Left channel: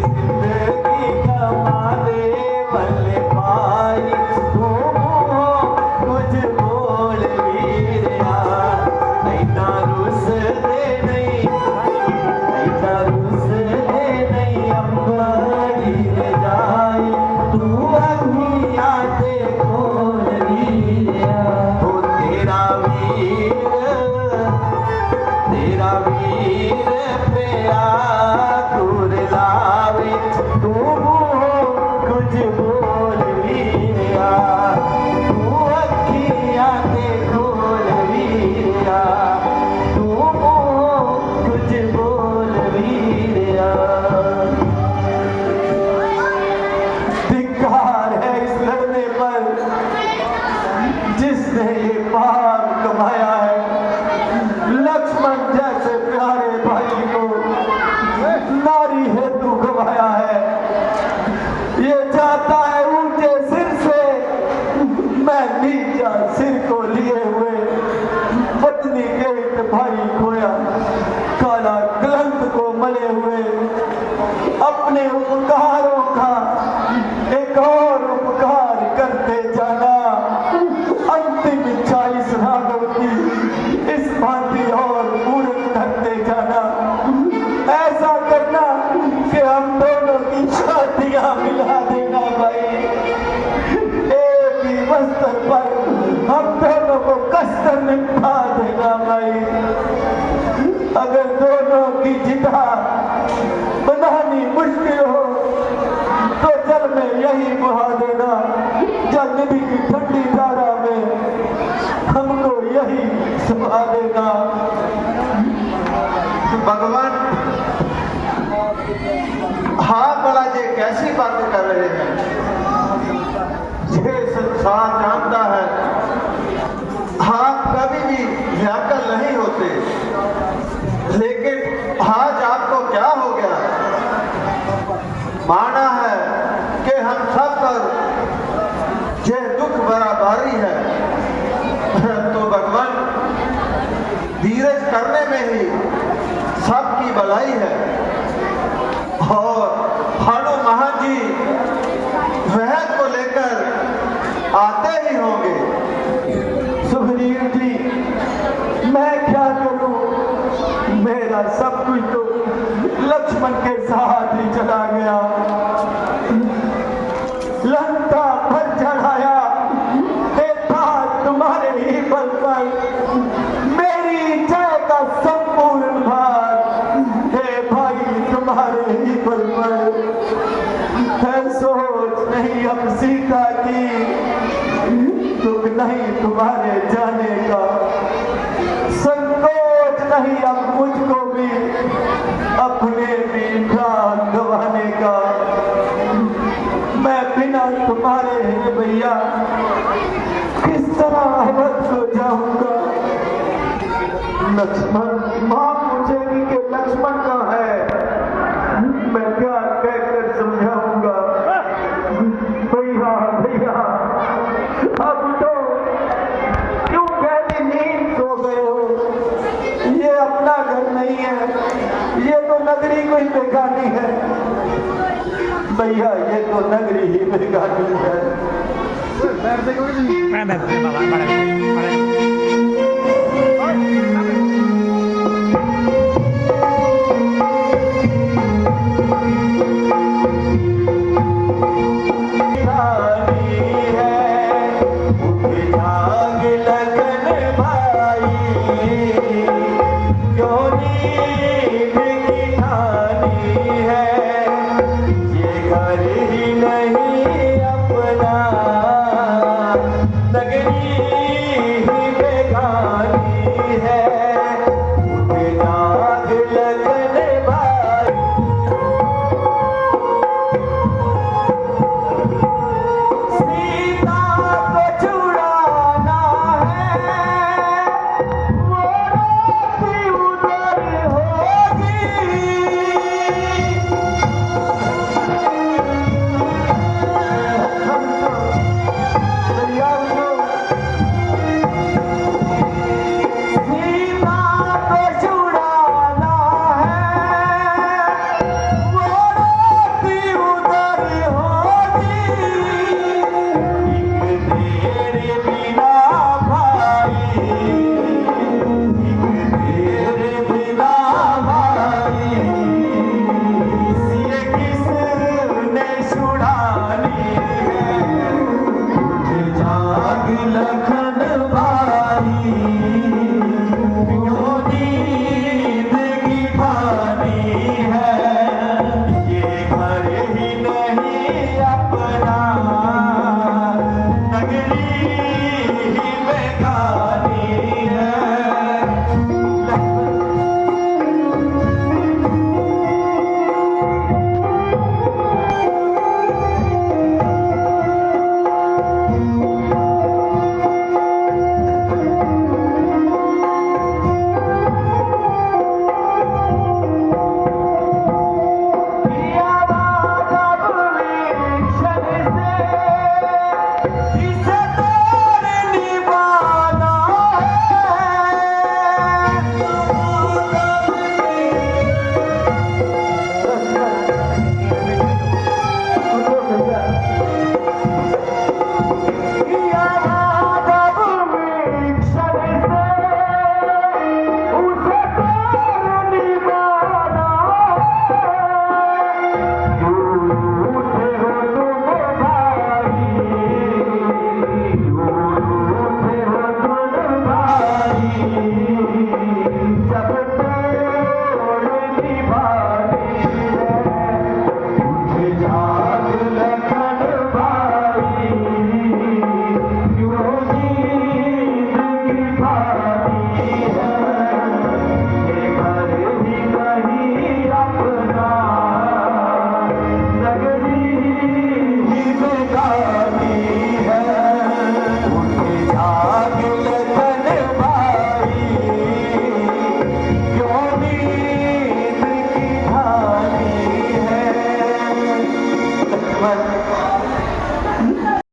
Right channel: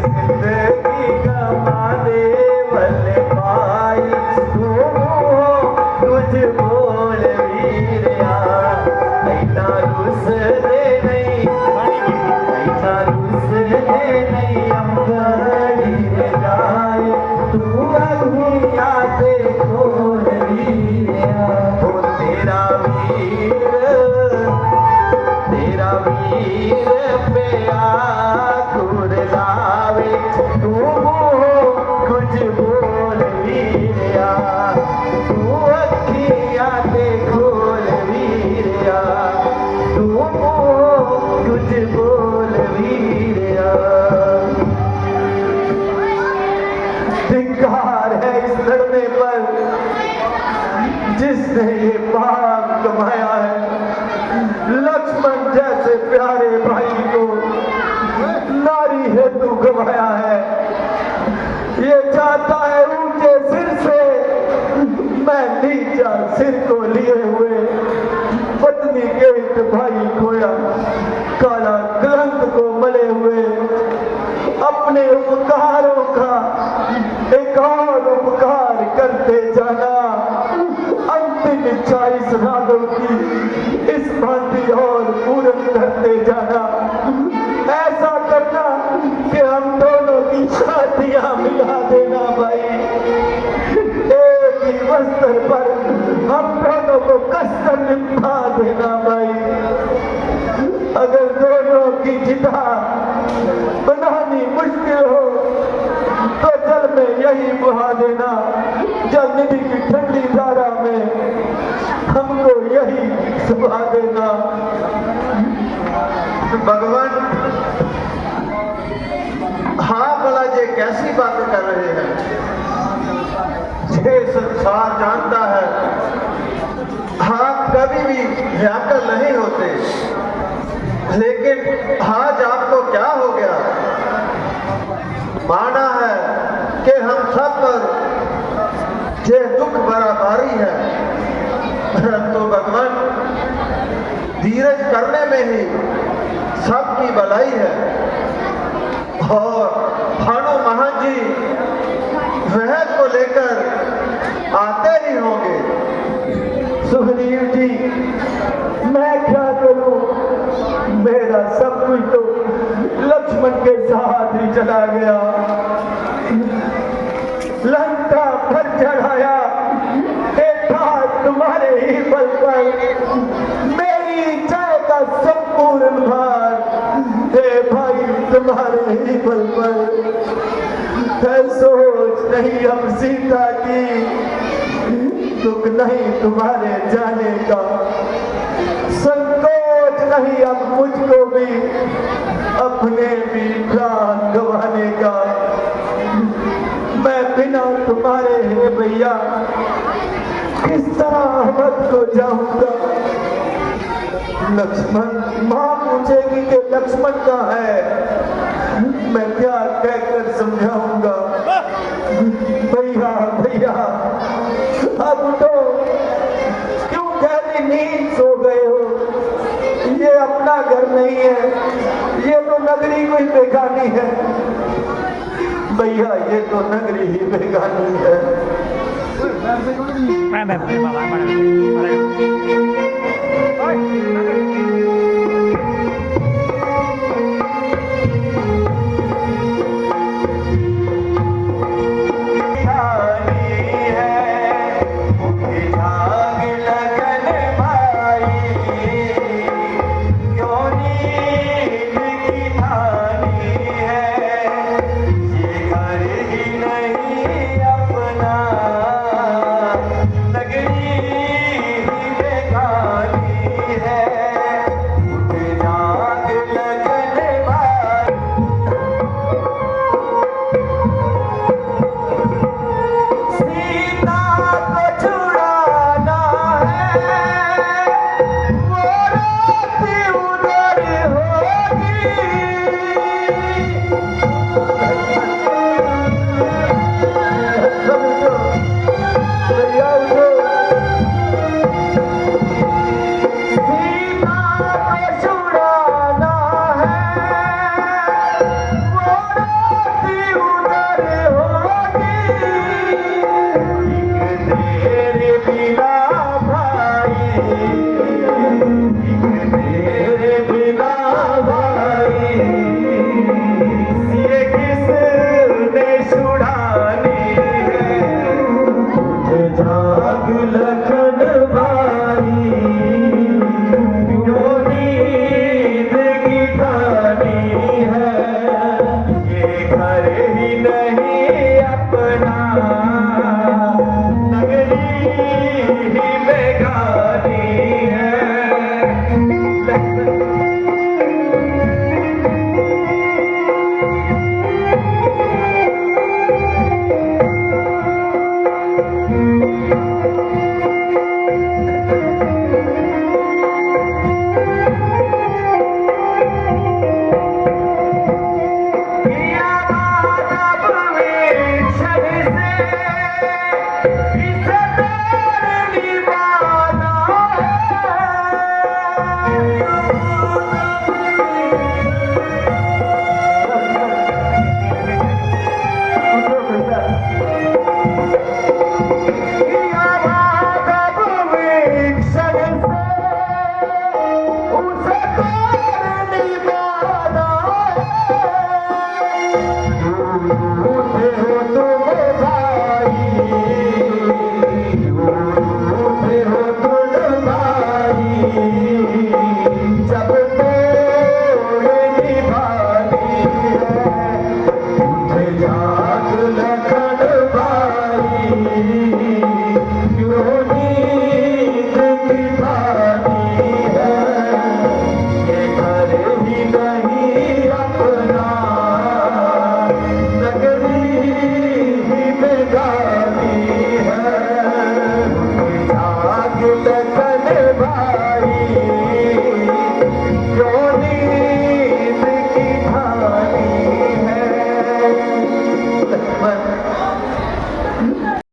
जिंदगी गवा दे भले भाई तू कुछ बोल वीरिया ऐना रुस दे नहीं ऐना रुस दे नहीं अंबड़ी जाए तू अखियां ते खोल वीरिया तो तेरा वीर प्यारा दूर लावे तू कुछ बोल वीरिया तू अखियां ते खोल वीरिया तू कुछ बोल वीरिया। धिक्कार है इस लड़ने पर जिसने ये पाप कमाया है। लक्ष्मण जैसे प्यारे भाई को नारी हेतु गवाया है। ये चाहता है ऊंचे सिर से मैं नीचा सिर को लिए हुए पत्नी के भाई खोया काला कलंक को मले हुए अपने उपकारों का एक और उपकार करते जाना। अंतिम इच्छा इस रागों की इस भांति और पूर्ण करते जाना। ऐसा करना कि हम दोनों की शादियां मिला देना भाई। एक ही वस्त्र पर हम दोनों को कसकर निपटा देना भाई। अगर दोनों की चिता बनानी मुश्किल हो तो जल में यही बहा देना। जल निधि की ठंडी धारा में हमको यही सुहा देना। भगवान हाँ बड़ा ये कैसी बातें कर रहे हैं। ये संसार जानता है हाँ कभी भी व्याकुल नहीं होते, लेकिन आज आपको क्या हो गया। माना है कि हम सब पर ये दुख बराबरी है। तो भगवान धीरज करने में ही सबकी भलाई है। और भानु महान जी वह को लेकर आते ही होंगे। सुग्रीव जी मैं क्या करूं, मेरा सब कुछ तो लक्ष्मण के साथ ही चला गया। लंका पर चढ़ाया तुम्हारे ही बल पर, मेरी जय का संपूर्ण भार हे भाई तुम्हारे ही बल पर। सोच नहीं अब सीता की, दुख नहीं तुम्हारे जाने का, संकोच नहीं अब मुझको भी अपने भी प्राण गंवाने का। मैं बिना तुम्हारे हैं भैया किस तरह मोहब्बत को जाऊंगा। लक्ष्मण मां पूछेगी कि लक्ष्मण कहाँ है, मैं क्या कहकर समझाऊंगा। भैया भैया अब तो क्यों गहरी नींद सो गए हो। ये अपना घर नहीं है, ये तो नगरी कोई बेगानी है। भैया ये तो नगरी ही बेगानी है। है घर ही नहीं अपना, नगरी ही बेगानी है। नगरी ही बेगानी